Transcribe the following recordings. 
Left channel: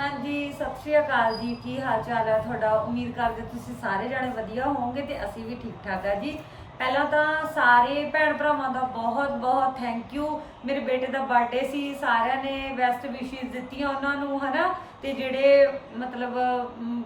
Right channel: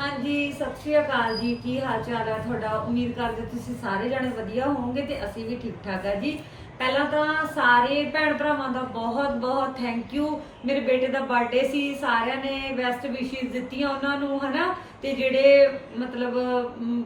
ਹਾਂਜੀ, ਸਤਿ ਸ਼੍ਰੀ ਅਕਾਲ ਜੀ। ਕੀ ਹਾਲ ਚਾਲ ਹੈ ਤੁਹਾਡਾ? ਉਮੀਦ ਕਰਦੇ ਤੁਸੀਂ ਸਾਰੇ ਜਣੇ ਵਧੀਆ ਹੋਵੋਗੇ ਤੇ ਅਸੀਂ ਵੀ ਠੀਕ ਠਾਕ ਆ ਜੀ। ਪਹਿਲਾਂ ਤਾਂ ਸਾਰੇ ਭੈਣ ਭਰਾਵਾਂ ਦਾ ਬਹੁਤ ਬਹੁਤ ਥੈਂਕ ਯੂ ਮੇਰੇ ਬੇਟੇ ਦਾ ਬਰਥਡੇ ਸੀ, ਸਾਰਿਆਂ ਨੇ ਬੈਸਟ ਵਿਸ਼ੇਸ ਦਿੱਤੀਆਂ ਉਹਨਾਂ ਨੂੰ, ਹਨਾ? ਤੇ ਜਿਹੜੇ, ਮਤਲਬ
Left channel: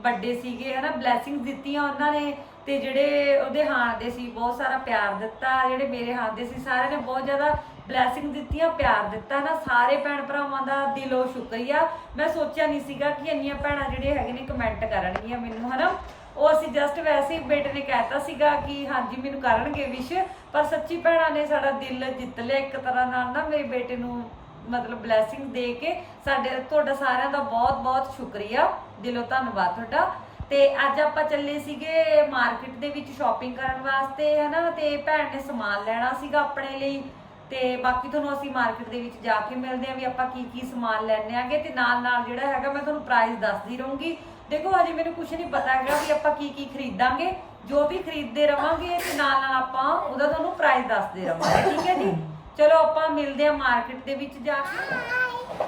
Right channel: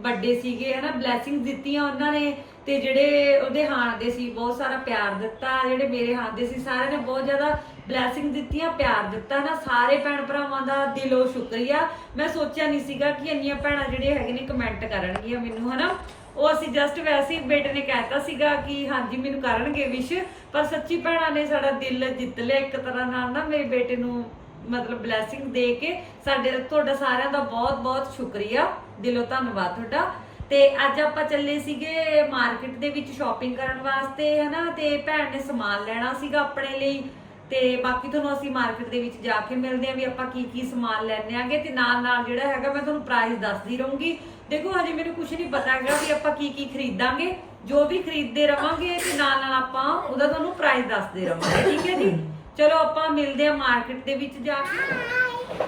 ਵੱਡੇ ਸੀਗੇ, ਹਨਾ? ਬਲੇਸਿੰਗਸ ਦਿੱਤੀਆਂ ਉਹਨਾਂ ਨੇ। ਤੇ ਜਿਹੜੇ ਉਹਦੇ ਹਾਣ ਦੇ ਸੀ, ਬਹੁਤ ਸਾਰਾ ਪਿਆਰ ਦਿੱਤਾ। ਜਿਹੜੇ ਮੇਰੇ ਹਾਣ ਦੇ ਸੀ, ਸਾਰਿਆਂ ਨੇ ਬਹੁਤ ਜ਼ਿਆਦਾ ਬਲੇਸਿੰਗ ਦਿੱਤੀਆਂ ਪਿਆਰ ਦਿੱਤਾ ਨਾ, ਸਾਰੇ ਭੈਣ ਭਰਾਵਾਂ ਦਾ ਦਿਲੋਂ ਸ਼ੁਕਰੀਆ। ਮੈਂ ਸੋਚਿਆ ਨਹੀਂ ਸੀਗਾ ਕਿ ਇੰਨੀਆਂ ਭੈਣਾਂ ਜਿਹੜੇ ਹੈਗੇ ਨੇ ਕਮੈਂਟ ਕਰਨਗੀਆਂ ਮੈਨੂੰ, ਹਨਾ? ਉਹ ਅਸੀਂ ਜਸਟ ਵੈਸੇ ਹੀ ਬੇਟੇ ਨੇ ਕਹਿਤਾ ਸੀਗਾ ਕਿ ਹਾਂਜੀ, ਮੈਨੂੰ ਕਰਨਗੇ ਵਿਸ਼ ਪਰ ਸੱਚੀ ਭੈਣਾਂ ਨੇ ਸਾਡਾ ਦਿਲ ਜਿੱਤ ਲਿਆ ਇੱਕ ਤਰ੍ਹਾਂ ਨਾਲ ਨਾ, ਮੇਰੇ ਬੇਟੇ ਨੂੰ ਮਤਲਬ ਬਲੇਸਿੰਗ ਦੇ ਕੇ ਸਾਡੇ, ਤੁਹਾਡਾ ਸਾਰਿਆਂ ਦਾ ਬਹੁਤ ਬਹੁਤ ਸ਼ੁਕਰੀਆ। ਦਿਲੋਂ ਧੰਨਵਾਦ ਤੁਹਾਡਾ। ਤੇ ਅੱਜ ਆਪਾਂ ਚੱਲੇ ਸੀਗੇ ਮਾਰਕੀਟ ਦੇ ਵਿੱਚ ਸ਼ਾਪਿੰਗ ਕਰਨ ਵਾਸਤੇ, ਹਨਾ? ਤੇ ਭੈਣ ਨੇ ਸਮਾਨ ਲੈਣਾ ਸੀਗਾ ਆਪਣੇ ਲਈ। ਤੇ ਬਾਕੀ ਤੁਹਾਨੂੰ ਅਸੀਂ ਮਾਰਕੀਟ ਦੇ ਵਿੱਚ ਜਾ ਕੇ ਮਿਲਦੇ ਆਂ ਵੀ ਆਪਾਂ ਕੀ ਕੀ ਸਮਾਨ ਲੈਣੇ ਆਂਗੇ ਤੇ ਨਾਲ ਨਾਲ ਜਿਹੜਾ ਹੈਗਾ ਮੈਂ ਤੁਹਾਨੂੰ ਪ੍ਰਾਈਸ ਦੱਸਦੀ ਰਹੂੰਗੀ। ਦੇਖੋ ਹਜੇ ਮੈਨੂੰ ਕੁਝ ਨਹੀਂ ਪਤਾ ਹੈਗਾ ਵੀ ਆਪਾਂ ਕੀ ਕੀ ਖਰੀਦਾਂਗੇ, ਜੋ ਵੀ ਖਰੀਦਦੇ ਰਵਾਂਗੇ ਤੇ ਨਾਲ ਨਾਲ ਆਪਾਂ ਉਹਦਾ ਤੁਹਾਨੂੰ ਪ੍ਰਾਈਸ ਦੱਸਦੇ ਰਵਾਂਗੇ, ਠੀਕ ਹੈ ਜੀ? ਚਲੋ ਆਪਾਂ ਮਿਲਦੇ ਆਂ ਮਾਰਕੀਟ ਦੇ ਵਿੱਚ ਜਾ ਕੇ।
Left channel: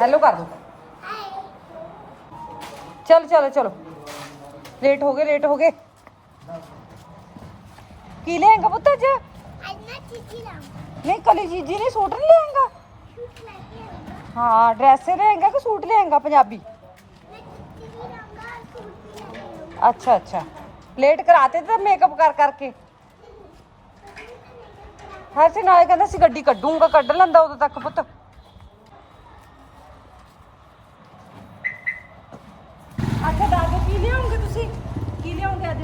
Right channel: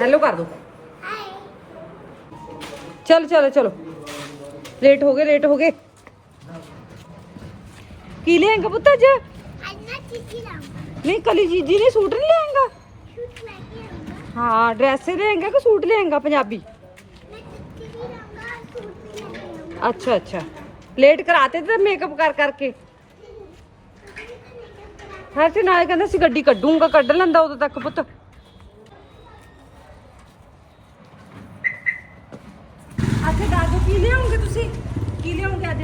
ਹੈਲੋ ਕਰ ਦੋ ਚਲ, ਚਲੋ ਚਲੋ। ਲੇਟ ਹੋ ਗਏ ਲੇਟ ਹੋ ਗਏ। ਕੀ ਲੈਂਗਾ ਪੁੱਤ ਅੱਜ? ਨਹੀਂ, ਕਲੀ ਜੀਜੀ ਨੇ ਸੂਟ ਨਹੀਂ ਲੈਂਗਾ ਹਾਂ ਡਰੈਸ ਲੈਂਗਾ ਕਿ ਸੂਟ ਲੈਂਗਾ ਪੰਜਾਬੀ? ਅੱਛਾ ਅੱਛਾ। ਲੇਟ ਕਰਾਤੇ ਤੇ ਮੇਕਅਪ ਕਰ, ਕਰਕੇ? ਹਰ ਚ ਨਾਲੇ ਕਹਿੰਦਾ ਸੀ ਗੱਡੀ ਕੱਢੂਗਾ, ਕੱਢ ਲੈਂਦਾ ਉਦੋਂ ਤੱਕ ਪੁੱਤ। ਅੱਛਾ ਦਾਦੂ ਕੀ ਲਿਆਉਂਗੇ ਤੁਸੀਂ? ਕੀ ਲਿਆਉਂਗੇ ਅੱਜ?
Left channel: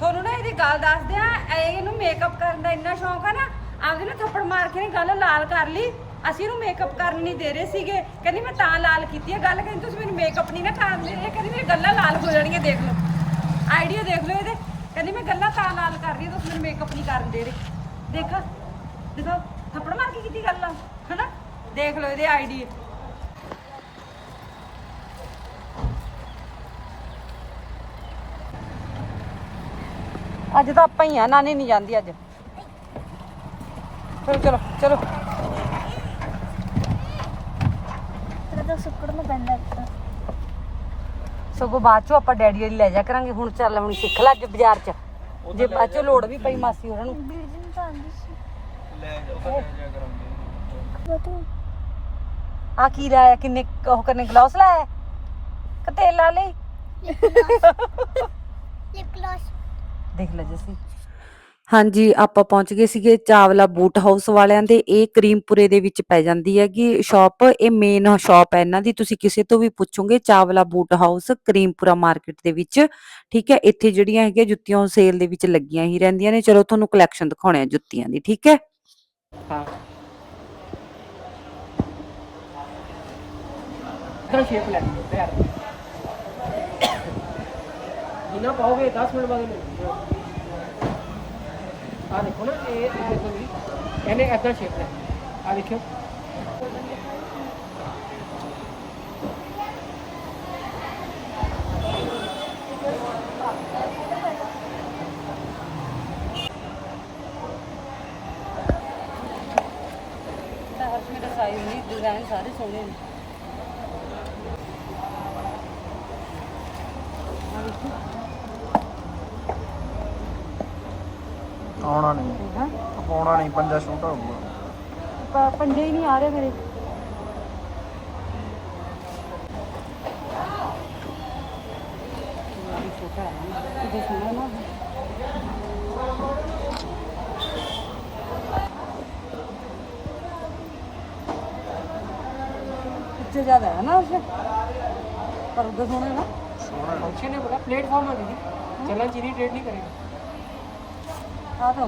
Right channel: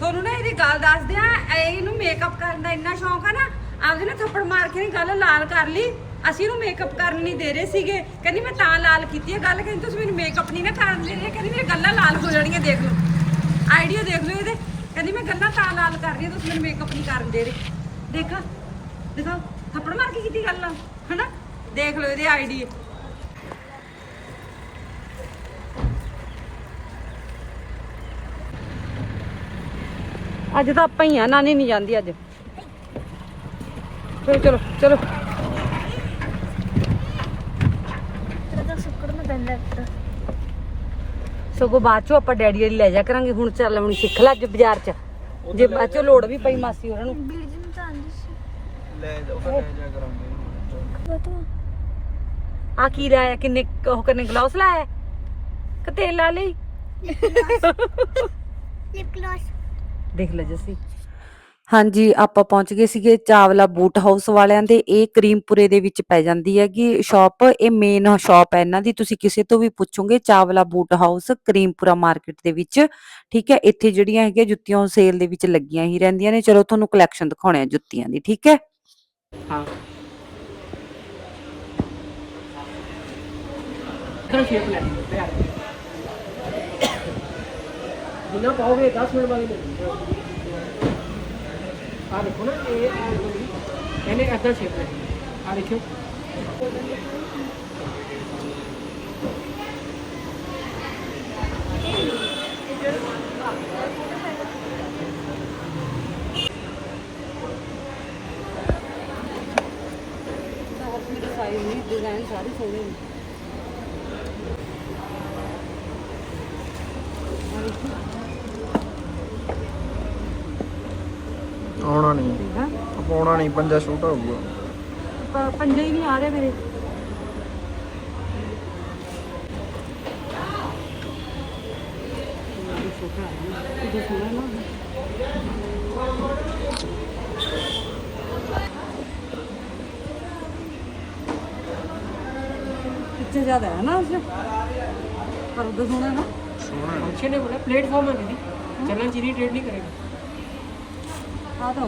ਤੁਹਾਨੂੰ ਨਾ ਇਹਦੀ ਗੱਲ ਦੱਸਦੇ ਆ ਇਹਨੂੰ ਮੇਕਅਪ ਕਰਨ ਦਾ ਇੰਨਾ ਸ਼ੌਂਕ ਆ ਨਾ ਆਪਦੇ ਨਾ ਥੱਪੜ ਮਾਰ ਕੇ ਨੇ ਗੱਲ ਲਾਲ ਕਰ ਲਈ। ਅਸੀਂ ਇਹਨੂੰ ਮੇਕਅਪ ਕਰਨ ਨਹੀਂ ਦੇ ਰਹੇ ਸੀਗੇ। ਕਹਿੰਦੀ ਮੈਂ ਤਾਂ ਲਾਲ ਕੀਤੀ ਹੈ ਗੱਲ ਕਹਿੰਦੀ ਤੁਸੀਂ ਮੈਨੂੰ ਮੇਕਅਪ ਨਹੀਂ ਨਾ ਕਰਨ ਦੇ ਰਹੇ। ਕਹਿੰਦੀ ਮੇਰੀ ਗੱਲਾਂ ਲਾਲ ਹੋ ਜਾਣੀਆਂ ਦੇਖ ਲਓ। ਆਈਡੀਆ ਦੇਖ ਲਓ ਇਹਦੇ। ਕਹਿੰਦੀ ਮੈਂ ਗੱਲਾਂ ਤਾਂ ਲਾਲ ਕਰ ਰਹੀ ਹਾਂ ਤੁਸੀਂ ਮੈਨੂੰ ਮੇਕਅਪ ਨਹੀਂ ਕਰਨ ਦੇ ਰਹੇ। ਦੇਖਾ, ਦੇਖੋ, ਥੱਪੜ ਮਾਰ ਕੇ ਕੀਤੀ ਗੱਲ ਹਨਾ? ਦੇਖ ਲਓ ਇਹਦੇ ਆਈਡੀਆ ਅੱਜ ਤਾਂ ਆਪਾਂ ਹੀ ਆ ਨਾਨੀ ਨਹੀਂ ਜਾਂਦੀ ਅੱਜ। ਚਲੋ ਚਲੋ ਚਲੋ। ਸਗੋਂ ਬਾਅਦ ਚੋਂ ਆਪਾਂ ਡੈਡੀ ਵਾਲੀ ਲੈ ਜਾ ਕਰਾਂਗੇ। ਹੁਣ ਚੱਲ ਹੁਣ ਸਿੱਖ ਲੈ ਅੱਜ ਬਾਜ਼ਾਰ 'ਚ। ਜੇ ਬਾਅਦ ਚੋਂ ਲੋੜ ਵੀ ਪਈ ਮਾਸੀ ਉਹਨਾਂ ਨੂੰ। ਲੈ ਉਹ ਲੈ ਜਾ ਕਰਾਂਗੇ। ਆ ਕੀ ਲਾਇਆ? ਕਿੰਨੇ ਉਹ ਕਰਨੇ ਗਲਾਸ ਲਾਇਆ? ਕਿ ਤੇਲ ਲਾ ਲਈ? ਦੇਖ ਲੈ ਜੱਸੀ। ਹਾਂਜੀ ਆਪਾਂ ਪਹੁੰਚ ਗਏ ਸੀਗੇ ਚਾਵਲਾ ਬੂਟ ਹਾਊਸ ਵਾਲਿਆਂ ਦੇ। ਇਹ ਕਰੀਮਪੁਰੇ ਦੇ ਵਿੱਚ ਪੈ ਜਾਂਦੀ ਹੈਗੀ ਸ਼ਾਪ। ਇਹ ਮੇਨ ਸ਼ਾਪ ਹੈ ਇਹਨਾਂ ਦੀ। ਤੁਸੀਂ ਕਿਸੇ ਤੋਂ ਵੀ ਪੁੱਛੋਗੇ Chawla boot house Karimpura market ਦੇ ਵਿੱਚ। ਠੀਕ ਹੈ ਇੱਥੇ ਜਿਹੜੀਆਂ ਹੈਗੀਆਂ ਜੁੱਤੀਆਂ ਸੇਲ ਦੇ ਵਿੱਚ ਲੱਗੀਆਂ ਹੀ ਰਹਿੰਦੀਆਂ ਨੇ। ਚਲੋ ਤੁਹਾਨੂੰ ਕਲੈਕਸ਼ਨ ਦਿਖਾਉਣੇ ਆ ਜੁੱਤੀਆਂ ਦੀ ਠੀਕ ਹੈ? ਹਾਂ। ਇਧਰ ਸ਼ੇਪ ਲੈ ਪਿਆਰ ਜਿੰਨਾ ਪਾਓਗੇ 10 ਮਿੰਟ ਬਾਅਦ ਮਿਲ ਆ ਦੇਖੋ ਨਾ, ਇਹ ਆ ਦੇਖੋ ਜੀ, ਇਹਨੇ ਇਧਰ ਸ਼ੇਪ ਲੈ ਆ ਦੇਖਿਓ। ਸਾਈਜ਼ ਵੀ ਡਿਜ਼ਾਈਨ ਸਾਰੇ ਸੋਹਣੇ ਨੇ ਆਉਣਾ ਨਹੀਂ ਪਾਉਣਾ ਨਹੀਂ ਪੰਜਾ ਛੋਟਾ ਹੋ ਗਿਆ ਪ- ਪੰਜੇ ਹੀ ਨਹੀਂ ਆ ਰਹੇ ਮੇਰੇ ਇਹਦਾ ਸੋਹਣਾ ਨਾ ਇੱਥੇ ਜ਼ਿਆਦਾ ਹੈ ਨਾ ਉਸੇ ਪਰ ਉਹਦਾ ਸੋਹਣਾ ਨਾ फंक्शन है बोला प्लेटफॉर्म है दीदी चलना चीनी ट्रेड नहीं करेगा ਆ ਤਾਂ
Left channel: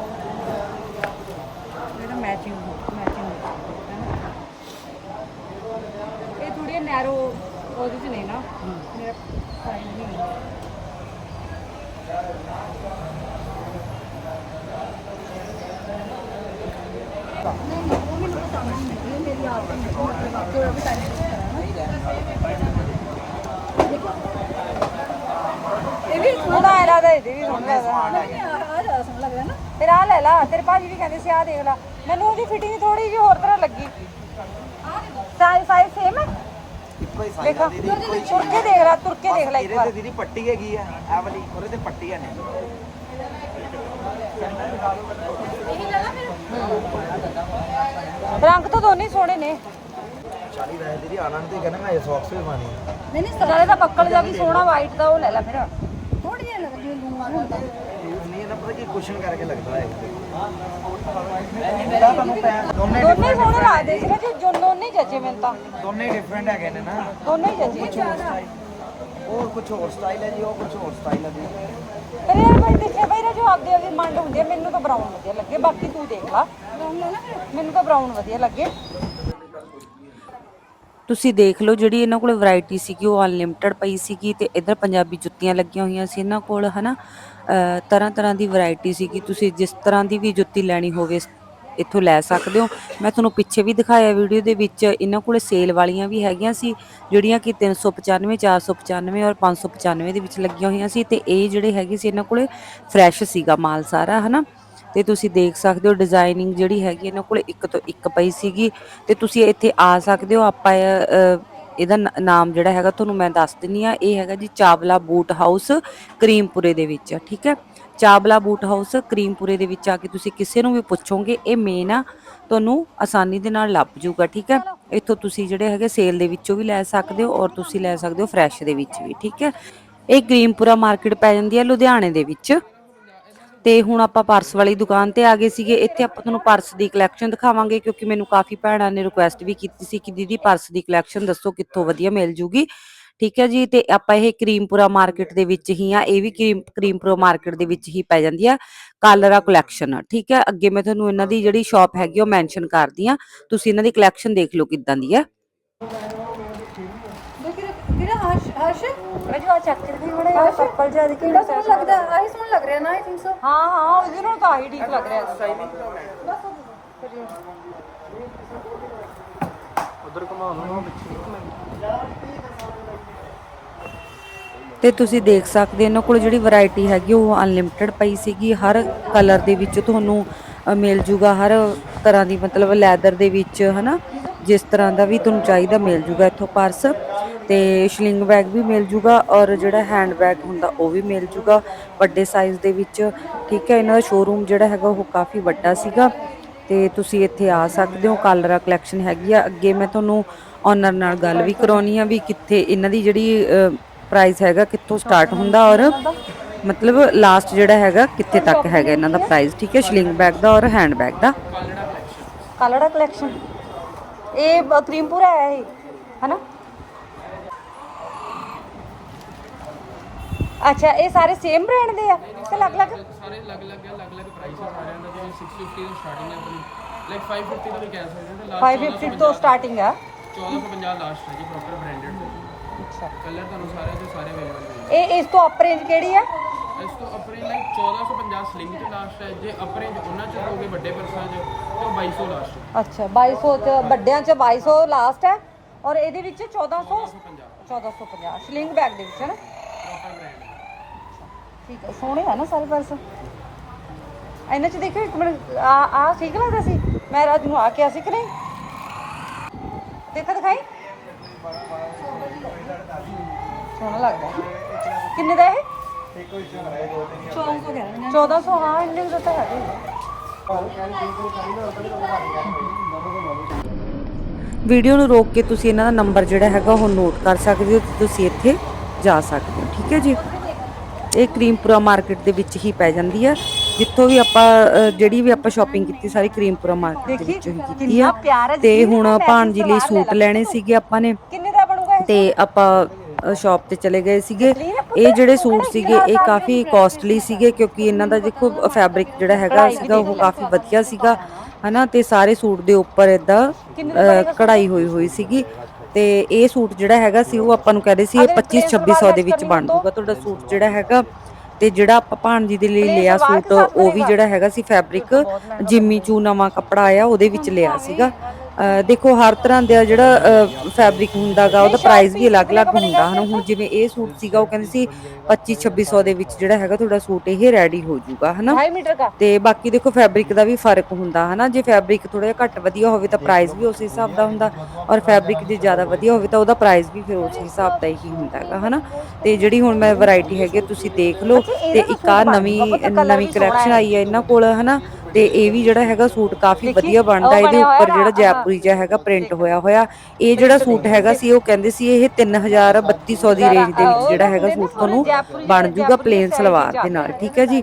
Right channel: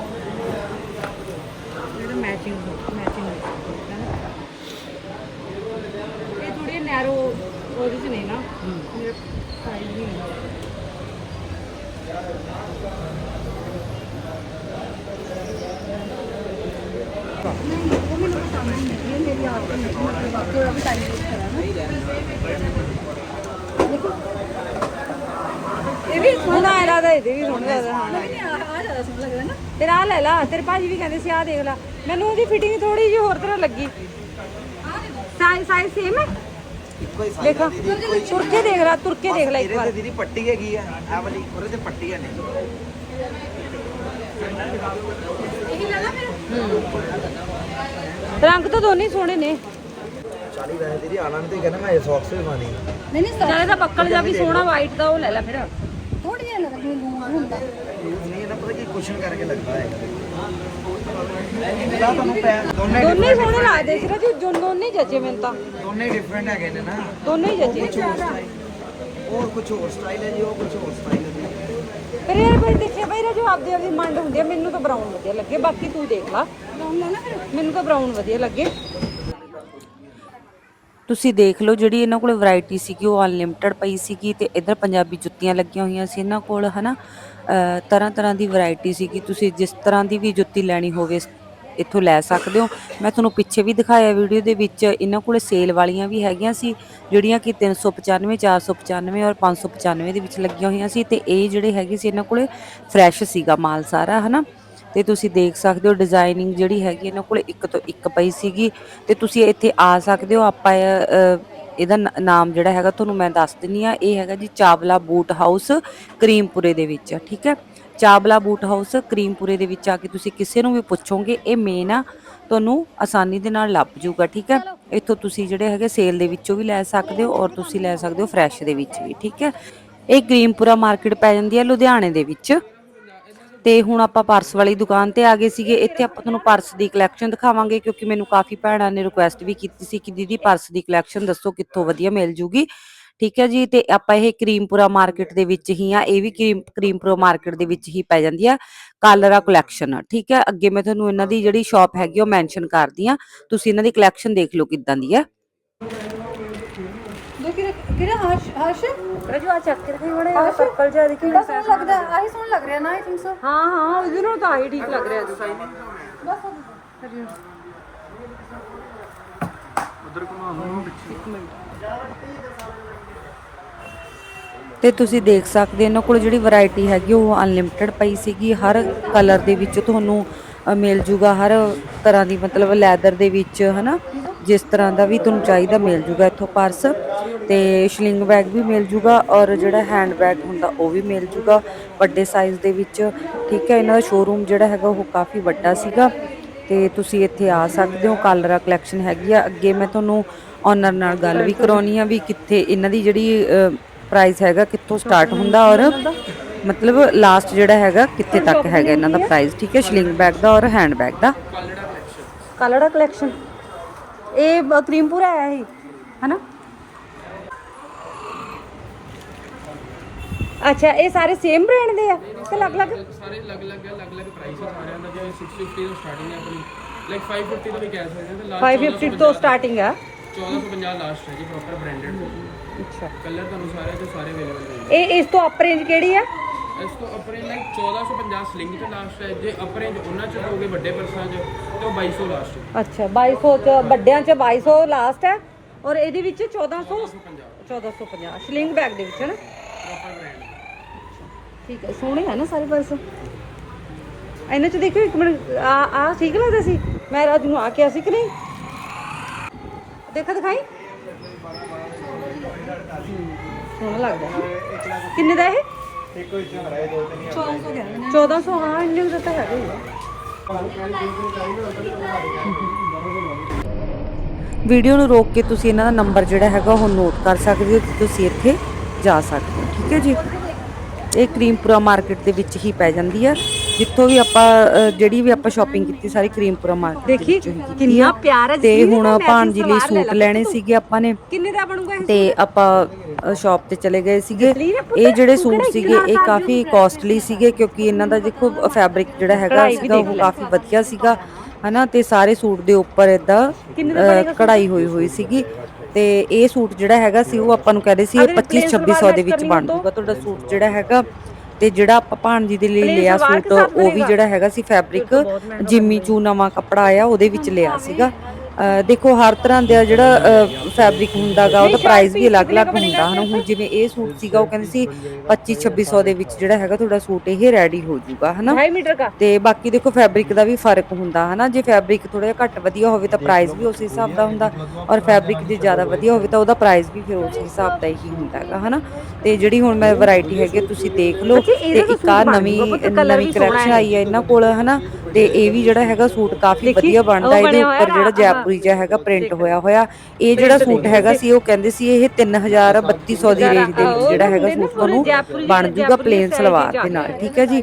ਟਾਇਰ ਜਿਹੜਾ ਮੈਚਿੰਗ ਮੈਚਿੰਗ ਹੈ ਨਾ ਉਹਦੇ ਚ ਨਹੀਂ ਨਾ ਮੇਰਾ ਸਾਈਜ਼ ਨਹੀਂ ਹੈ ਇਹ ਵੀ ਸੋਹਣਾ ਹੈ ਰਾਦਾ ਇਹਦੇ ਵੀ ਸੋਹਣਾ ਲੱਗਦਾ ਹਾਂ ਆ ਜ਼ਿਆਦਾ ਸੋਹਣਾ ਲੱਗਦਾ ਨਾ ਫਿਰ ਆ ਲੈ ਲਾ ਤੇਰੇ ਭਾਜੀ ਵੀ ਕਹਿੰਦੇ ਸੀ ਆ ਦੇਖ ਲੈ ਮੈਨੂੰ ਉਹਦੀ ਫਿਟਿੰਗ ਥੋੜੀ ਜਿਹੀ ਹੋਰ ਤਰ੍ਹਾਂ ਲੱਗੀ। ਸਾਈਜ਼ ਸਾਈਜ਼ ਸੇਮ ਹੈ? ਕੋਈ ਸਾਈਜ਼ ਦੇਖੋ ਤੁਰ ਕੇ ਦੇਖ ਲੈ ਤੁਰ ਕੇ ਦੇਖ ਲੈ ਇੱਕ ਇਹਦੇ ਵਾਰ। ਤੇ ਦੀਦੀ ਪੱਟੀ ਹੈਗੀ ਆ ਆ ਵਾਲੀ ਉਹਦੇ ਤੇ ਪੱਟੀ ਹੈ। ਨਹੀਂ ਰੰਗ ਤਾਂ ਦੋਨੇ ਹੀ ਸੋਹਣੇ ਨੇ। 40 ਵੈਸੇ ਦੀਦੀ ਆਲਣ ਤੇ ਕਹਿੰਦਾ ਮੈਂ ਇਹ ਸੌਕਸ ਵੀ ਖਾਣੀ ਆ। ਨਹੀਂ ਨਹੀਂ ਨਾਲੇ ਤਾਂ ਬੱਕਲ ਦਾ ਵੀ ਸੋਹਣਾ ਵਾਈਟ ਦਾ ਉਹ ਲੈ ਲੈ ਫਿਰ। ਯੂਜ਼ ਨਹੀਂ ਇਹਦਾ ਪਤਾ ਕੀ ਕੁਸ਼ਨ ਕਰਕੇ ਲੱਗਦਾ ਹੈਗਾ। ਇਹਦਾ ਤੁਹਾਨੂੰ ਪੈ- ਦੋਨੇ ਦੋਨੇ ਹੀ different- ਸੋਹਣੇ different ਲੱਗਦੇ ਸੀ ਜੀ ਜੋ ਦੋਨੇ ਹੀ ਜੱਜੇ ਮੈਨੂੰ ਤਾਂ। ਦੋਨੇ ਡਿਫਰੈਂਟ ਹੈਗੇ ਨੇ ਨਾ। ਦੋਨੇ ਹੀ ਜੱਜੇ। ਉਹ ਕੁਝ ਹੋਰ ਸਟਾਈਲ ਹੈ ਜੀ ਉਹ ਕੁਝ ਹੋਰ ਸਟਾਈਲ ਹੈ ਜੀ। ਪਰ ਇਹ ਭਾਈ ਦੇਖਿਆ ਭਾਈ ਜੋ ਆਪਦੇ ਆਪਦੀ ਮੰਡ ਹੁੰਦੀ ਆ ਮੈਨੂੰ ਤਾਂ ਬਰਾਊਨ ਵਧੀਆ ਲੱਗੇ ਬਾਕੀ ਤੂੰ ਦੇਖ ਲਾ। ਮੈਨੂੰ ਤਾਂ ਬਰਾਊਨ ਵਧੀਆ ਲੱਗੇ। ਤੁਸੀਂ ਦੇਖ ਲਓ ਜਿਹੜੀ ਇਹਨਾਂ ਕੋਲ ਵੈਰਾਈਟੀ ਸੀਗੀ ਉਹ ਅਨਲਿਮਟਿਡ ਪਈ ਸੀਗੀ ਤੇ ਇਧਰ ਪੰਜਾਬੀ ਜੁੱਤੀਆਂ ਲੱਗੀਆਂ ਹੋਈਆਂ ਸੀ ਇਹਨਾਂ ਕੋਲ ਹਨਾ? ਤਰ੍ਹਾਂ ਤਰ੍ਹਾਂ ਦੀ ਵੈਰਾਈਟੀ ਸੀਗੀ। ਤੁਸੀਂ ਜਿਸ ਤਰ੍ਹਾਂ ਦੀ ਵੀ ਜੁੱਤੀ ਲੈਣੀ ਹੋਵੇ, ਇੱਥੋਂ ਲੈ ਸਕਦੇ ਹੋ। ਮੈਂ ਤੁਹਾਨੂੰ ਪਿੱਛੇ ਵੀ ਦਿਖਾਇਆ ਵੀਡੀਓ ਦੇ ਵਿੱਚ, ਇਹਨਾਂ ਕੋਲ ਸੇਲ ਵਾਲੀਆਂ ਵੀ ਹੈਗੀਆਂ ਸੀ, ਜਿਹੜੀਆਂ ਕਿ 395 495 ਔਰ 595 ਦੇ ਵਿੱਚ ਲੱਗੀਆਂ ਹੋਈਆਂ ਸੀ ਤੇ ਇਹ ਜਿਹੜੇ ਹੈਗੇ ਸੀ, ਇਹਨਾਂ ਕੋਲੇ ਫਰੈਸ਼ ਸੀਗਾ ਮਾਲ ਸਾਰਾ, ਹਨਾ? ਤੇ ਤੁਸੀਂ ਦੇਖ ਸਕਦੇ ਹੋ ਡਿਜ਼ਾਈਨਿੰਗ ਜਿਹੜੀ ਹੈਗੀ, ਇਹਨਾਂ ਕੋਲੇ ਇੱਕ ਤੋਂ ਇੱਕ ਪਈ ਸੀਗੀ। ਤੇ ਤੁਸੀਂ ਇੱਥੇ ਆ ਸਕਦੇ ਹੋ, ਆਪਾਂ ਇਹਦਾ ਨਾਮ ਜਿਹੜਾ ਹੈਗਾ ਤੁਹਾਨੂੰ ਮੈਂ ਦੱਸ ਦਿੰਨੀ ਆ, ਇਹ ਹੈਗਾ ਜੀ ਚਾਵਲਾ ਬੂਟ ਹਾਊਸ ਕਰੀਮਪੁਰੇ ਦੇ ਵਿੱਚ, ਠੀਕ ਹੈ? ਚਾਵਲਾ ਬੂਟ ਹਾਊਸ ਕਰੀਮਪੁਰੇ ਦੇ ਵਿੱਚ ਆ ਕੇ ਤੁਸੀਂ ਕਿਸੇ ਨੂੰ ਵੀ ਪੁੱਛੋਗੇ, ਇਹ ਮੇਨ ਆ, ਤੁਹਾਨੂੰ ਆਸਾਨੀ ਦੇ ਨਾਲ ਲੱਭ ਜੂਗਾ ਠੀਕ ਹੈ? ਇੱਥੋਂ ਤੁਸੀਂ ਜਿਹੜੇ ਹੈਗੇ ਸੇਲ ਦੇ ਵਿੱਚੋਂ ਵੀ ਲੈ ਸਕਦੇ ਹੋ ਔਰ ਤੁਸੀਂ ਲੈ ਸਕਦੇ ਹੋ ਫਰੈਸ਼ ਦੇ ਵਿੱਚ ਵੀ, ਠੀਕ ਹੈ? ਇਹ ਕਰੀਮਪੁਰਾ ਮਾਰਕੀਟ ਪੈ ਜਾਂਦੀ ਹੈ ਲੁਧਿਆਣੇ ਦੇ ਵਿੱਚ। ਤੇ ਹੁਣ ਆਪਾਂ ਪਰਸ ਵਾਲੀ ਦੁਕਾਨ ਤੇ ਆ ਗਏ ਸੀਗੇ। ਇੱਥੇ ਆਪਾਂ ਤੁਹਾਨੂੰ ਪਰਸ ਦੀ ਕਲੈਕਸ਼ਨ ਦਿਖਾਵਾਂਗੇ ਕਿਉਂਕਿ ਮੈਨੂੰ ਕਾਫੀ ਭੈਣਾਂ ਨੇ ਰਿਕੁਐਸਟ ਵੀ ਕੀਤੀ ਸੀ ਕਿ ਦੀਦੀ ਪਰਸ ਦੀ ਕਲੈਕਸ਼ਨ ਦੱਸੋ ਕਿੱਥੋਂ ਵਧੀਆ ਮਿਲ ਜੂਗੀ। ਠੀਕ ਹੈ ਜੀ, ਤੇ ਆਪਾਂ ਇਹ ਕਰੀਮਪੁਰਾ ਮਾਰਕੀਟ ਦੇ ਵਿੱਚ ਹੀ ਆ, ਇਹ ਵੀ ਕਰੀਮ, ਕਰੀਮਪੁਰਾ ਮਾਰਕੀਟ ਦੇ ਵਿੱਚ ਹੀ ਪੈ ਜਾਂਦੀ ਆ, ਕਾਲਰਾ ਕਲੈਕਸ਼ਨ ਠੀਕ ਹੈ, ਅੱਗੇ ਮੈਂ ਤੁਹਾਨੂੰ ਇਹਨਾਂ ਦੀ ਜਿਹੜੀ ਸ਼ਾਪ ਹੈਗੀ ਉਹ ਮੈਂਸ਼ਨ ਕਰਦੀ ਆ। ਤੁਸੀਂ ਇਹਨਾਂ ਦੀ ਕਲੈਕਸ਼ਨ ਦੇਖ ਲਓ ਕਿੱਦਾਂ ਦੀ ਹੈ ਕਿਹੜਾ ਹਰਸ਼ ਹਰਸ਼? ਰਜੂ ਆ ਚੱਕ ਕੇ ਵੀ ਬੜਾ ਪਰਪਲ ਜਿਹਾ ਦੇਖੀ ਕਿਹੜਾ ਸੋਹਣਾ ਲੱਗਦਾ ਆਹੀ ਸੋਹਣਾ ਲੱਗ ਰਿਹਾ ਨਾ ਆਈ ਥਿੰਕ ਸੋ? ਹਾਂ ਹਾਂ ਉਹਦੇ ਨਾਲ ਤਾਂ ਆਹੀ ਠੀਕ ਲੱਗ ਰਿਹਾ ਤੇ ਤੁਸੀਂ ਦੇਖ ਸਕਦੇ ਹੋ ਇਹਨਾਂ ਕੋਲ ਜਿਹੜੀ ਵੈਰਾਈਟੀ ਹੈਗੀ ਉਹ ਅਨਲਿਮਿਟਿਡ ਪਈ ਸੀਗੀ। ਹਰ ਕਲਰ ਦੇ ਵਿੱਚ ਤੁਹਾਨੂੰ ਮਿਲ ਜੂਗਾ ਹਰ ਤਰ੍ਹਾਂ ਦੀ, ਮਤਲਬ ਲੈਦਰ ਦੇ ਵਿੱਚ, ਹਨਾ? ਜਿਸ ਤਰ੍ਹਾਂ ਦਾ ਵੀ ਤੁਹਾਨੂੰ ਚਾਹੀਦਾ ਮਿਲ ਜੂਗਾ ਇੱਥੋਂ ਪਰਸ। ਤੇ ਸ਼ਲਿੰਗ ਬੈਗ ਵੀ ਮਿਲ ਜੂਗਾ ਔਰ ਜਿਹੜਾ ਹੈਂਡ ਬੈਗ ਹੁੰਦਾ ਉਹ ਵੀ ਮਿਲ ਜੂਗਾ ਵੱਡੇ ਸਾਈਜ਼ ਦੇ ਵਿੱਚ। ਠੀਕ ਹੈ, ਇਹਨਾਂ ਦਾ ਸ਼ੋਰੂਮ ਜਿਹੜਾ ਹੈਗਾ ਉਹ ਕਾਫੀ ਵੱਡਾ ਸੀਗਾ। ਤੇ ਤੁਸੀਂ ਇੱਥੇ ਆ ਸਕਦੇ ਹੋ, ਕਾਲਰਾ ਕਲੈਕਸ਼ਨ ਹੈਗੀ ਆ। ਅੱਗੇ ਮੈਂ ਤੁਹਾਨੂੰ ਓਨਰ ਨਾਲ ਗੱਲ ਵੀ ਕਰਾਉਣੀ ਆ ਵੀ ਕਿੱਥੇ, ਇਹਨਾਂ ਦੀ ਜਿਹੜੀ ਪ੍ਰਾਈਸ ਹੈਗਾ ਕਿੱਥੋਂ ਸਟਾਰਟ ਹੁੰਦਾ ਔਰ ਮਤਲਬ ਲਾਸਟ ਜਿਹੜਾ ਹੈਗਾ ਕਿੱਥੇ ਤੱਕ ਹੈਗਾ ਇਹਨਾਂ ਦਾ ਪ੍ਰਾਈਸ ਠੀਕ ਹੈ? ਸ਼ਲਿੰਗ ਬੈਗ ਦਾ ਔਰ ਹੈਂਡ ਬੈਗ ਦਾ। ਕਲਰ ਕਲੈਕਸ਼ਨ ਇਹ ਕਰੀਮਪੁਰਾ ਆਇਆ ਇਹ ਹਨਾ? ਅੱਛਾ ਇਹ ਸਾਰੇ ਸੇਮ ਬ੍ਰਾਂਡ ਦੇ ਆ ਕਿ ਅਲੱਗ-ਅਲੱਗ? ਸਾਰੇ ਅਲੱਗ ਅਲੱਗ ਹੈ ਅਲੱਗ ਅਲੱਗ ਪ੍ਰਾਈਸ ਹੈ ਸਾਰਿਆਂ ਦਾ ਜਿਵੇਂ 650 ਤੋਂ ਸਟਾਰਟਿੰਗ ਹੈ ਆਪਣੀ। ਲਾਈਕ 550 ਤੋਂ ਵੀ ਕਹਿ ਸਕਦੇ ਹਾਂ ਲਾਸਟ 550 ਤੋਂ ਸਟਾਰਟਿੰਗ ਆ। 1450 ਲਾਸਟ ਹੈ ਜੀ ਪ੍ਰੋਪਰ ਬ੍ਰਾਂਡਡ ਅੱਛਾ। ਕਲਰ ਤੁਹਾਨੂੰ ਸਾਰੇ ਤੋਂ ਸਾਰੇ ਅਵੇਲੇਬਲ ਹੋਣਗੇ ਇਹ ਇਸ ਤੋਂ ਅਪ ਰੇਂਜ ਕਿਹੜੀ ਆ? ਇਸ ਤੋਂ ਅਪਰੇ ਲਾਈਕ 1450 ਸਲਿੰਗ ਤੇ ਲਾਸਟ ਹੈ ਜੇ ਅਪਰੇ ਉਹਨਾਂ ਚ ਹੋਗੇ ਵੱਡੇ ਪਰਸਾਂ ਚ ਤੇ ਉਹ 2200 ਲਾਸਟ ਹੈ। ਅੱਛਾ 2200 ਚ ਵੱਡਿਆਂ ਚ 2200 ਲਾਸਟ ਹੈ ਔਰ ਇਹਦੇ ਵਿੱਚ 1400 1450 ਸਲਿੰਗ ਬੈਗ ਦੇ ਵਿੱਚ ਹੈ ਨਾ? ਪ੍ਰੋਪਰ ਬ੍ਰਾਂਡ ਠੀਕ ਹੈ ਸੋਹਣੇ ਆ ਨਾ ਸਾਰੇ ਪਰਸ ਇਹਨਾਂ ਚ ਦੇਖੋ ਇੱਕ ਮਿੰਟ ਆ ਆ ਠੀਕ ਲੱਗਦਾ ਸੀ? ਮੈਂ ਰਾਜ ਨੂੰ ਆ ਕੇ ਆਸੀ ਕਿ ਨਹੀਂ? ਦੇਖੋ ਦਿਖਾਈ। ਸੋਹਣਾ ਲੱਗਦਾ। ਕਿੰਨੇ ਦਾ ਇਹ? 1400 1400 ਹਾਂ ਇੰਨੇ ਦਾ ਤਾਂ ਹੈਗਾ ਹੀ ਆ। ਵੀਡੀਓ ਨੂੰ ਰੋਕ ਕੇ ਤੁਸੀਂ ਇਹਨਾਂ ਦਾ ਨੰਬਰ ਜਿਹੜਾ ਹੈਗਾ ਉਹ ਨੋਟ ਕਰ ਸਕਦੇ ਹੋ ਤੇ ਤੁਸੀਂ ਇੱਥੇ ਜਾ ਸਕਦੇ ਹੋ ਠੀਕ ਹੈ ਜੀ? ਇਹ ਕਰੀਮਪੁਰਾ ਮਾਰਕੀਟ ਦੇ ਵਿੱਚ ਹੀ ਪੈ ਜਾਂਦੀ ਹੈ ਜਿੱਥੋਂ ਵੀ ਆਪਾਂ ਅ, ਜਿਹੜੀ ਵੀ ਆਪਾਂ ਸ਼ਾਪਿੰਗ ਕੀਤੀ ਸਾਰੀ ਕਰੀਮਪੁਰਾ ਮਾਰਕੀਟ ਦੇ ਵਿੱਚੋਂ ਹੀ ਕੀਤੀ ਕਿੰਨਾ ਆ। ਪਿਆਰ ਹੈ ਤੇ ਜੀ, ਹੁਣ ਮੈਂ ਭਾਣਜੀ ਲਈ ਸੂਟ ਲੈਣੇ ਸੀਗੇ ਆਪਾਂ ਨੇ। ਕਿੰਨੇ ਦਾ ਬਣੂਗਾ ਇਹ ਤੇ ਆਪਾਂ ਸ਼ਾਪ ਤੇ ਚਲੇ ਗਏ ਸੀਗੇ। ਇਹ ਜਿਹੜੇ ਸੂਟ ਸੀਗੇ ਇਹ ਕਾਫੀ ਕਾਸਟਲੀ ਸੀਗੇ ਕਿਉਂਕਿ ਇਹਨਾਂ ਦਾ ਦੇਖੋ ਫੈਬਰਿਕ ਜਿਹੜਾ ਹੈਗਾ ਸੀਗਾ ਉਹ। ਕਾਫੀ ਵਧੀਆ ਸੀਗਾ ਹਨਾ? ਤੇ ਸਾਰੇ ਸੂਟ ਦੇ ਉੱਪਰ ਇਦਾਂ ਕਢਾਈ ਹੋਈ ਹੋਈ ਸੀਗੀ। ਤੇ ਇਹ ਸੂਟ ਜਿਹੜਾ ਹੈਗਾ ਸੀ ਉਹ ਆਪਾਂ ਨੂੰ ਕਹਿੰਦੇ ਸੀ ਇਹ 25 2600 ਦੇ ਵਿੱਚ ਬਣ ਜੂਗਾ ਤੁਹਾਡਾ ਸੂਟ ਜਿਹੜਾ ਹੈਗਾ। ਤੇ ਜਿਹੜਾ ਆਪਾਂ ਭਾਣਜੀ ਦੇ ਲਈ ਲਿਆ ਸੂਟ ਉਹ ਵੀ ਜਿਹੜਾ ਹੈਗਾ ਸੀ ਫੈਬਰਿਕ ਜਿਮੀ ਚੂ ਨਵਾਂ ਕੱਪੜਾ ਆਇਆ ਉਹਦੇ ਵਿੱਚ ਲਿਆ ਸੀਗਾ। ਦੇਖੋ ਹਰ ਤਰ੍ਹਾਂ ਦਾ ਜਿਹੜਾ ਫੈਬਰਿਕ ਹੁੰਦਾਗਾ ਉਹਦਾ ਪ੍ਰਾਈਸ ਵੀ ਅਲੱਗ-ਅਲੱਗ ਹੁੰਦਾ। ਹਨ ਹੁਣ ਜਿਵੇਂ ਇਹ ਸੂਟ ਸੀਗਾ ਉਹ ਕਹਿੰਦੇ ਸੀ 25 2600 ਦੇ ਵਿੱਚ ਜਿਹੜਾ ਹੈਗਾ ਤੁਹਾਡਾ ਸੂਟ ਇਹ ਰੈਡੀ ਹੋ ਜਾਊਗਾ ਹਨਾ। 2.5 ਮੀਟਰ ਦਾ ਤੇ ਬਾਕੀ ਦੇਖੋ ਫੈਬਰਿਕ ਦਾ ਵੀ ਫ਼ਰਕ ਹੁੰਦਾ ਹਨਾ। ਜੇ ਫੈਬਰਿਕ ਥੋੜਾ ਜਿਹਾ ਘੱਟ ਵਧੀਆ ਹੋਵੇ ਤਾਂ ਪ੍ਰਾਈਸ ਵੀ ਉਸ ਹਿਸਾਬ ਦਾ ਹੁੰਦਾ। ਔਰ ਫੈਬਰਿਕ ਜੇ ਜ਼ਿਆਦਾ ਵਧੀਆ ਹੋਵੇ ਤਾਂ ਉਹਦਾ ਪ੍ਰਾਈਸ ਵੀ ਫਿਰ ਉਸ ਹਿਸਾਬ ਦਾ ਹੀ ਹੁੰਦਾ ਹੈਗਾ ਹਨਾ। ਤੇ ਜਿਹੜੀ ਹੁਣ ਮੈਂ ਵੈਰਾਈਟੀ ਹੈਗੀ ਤੁਸੀਂ ਦੇਖ ਲਓ। ਤੇ ਇੱਕ ਆ ਨਵੀਂ ਨਵੀਂ ਕਲੈਕਸ਼ਨ ਆਈ ਹੈ ਇਹਨਾਂ ਕੋਲ ਹਨਾ। ਤੇ ਇਹ ਵੀ ਜਿਹੜਾ ਹੈਗਾ ਸੂਟ ਕਾਫੀ ਵਧੀਆ ਬਣਦਾ ਇਹਦੇ ਉੱਪਰ ਜਿਹੜਾ ਜੈਪੁਰੀ ਜਿਹਾ ਹੈਗਾ ਪ੍ਰਿੰਟ ਹੋਇਆ ਹੋਇਆ। ਇਹ ਜਿਹੜਾ ਸੂਟ ਹੈਗਾ ਸੀ ਉਹ ਕਹਿੰਦੇ ਸੀ ਇਹ 3000 3200 ਦੀ ਰੇਂਜ ਦੇ ਵਿੱਚ ਜਿਹੜਾ ਹੈਗਾ ਸੂਟ ਤੁਹਾਨੂੰ ਬਣ ਜੂਗਾ ਪਲੇਨ ਸਲਵਾਰ ਦੇ ਨਾਲ ਠੀਕ ਹੈ ਜੀ?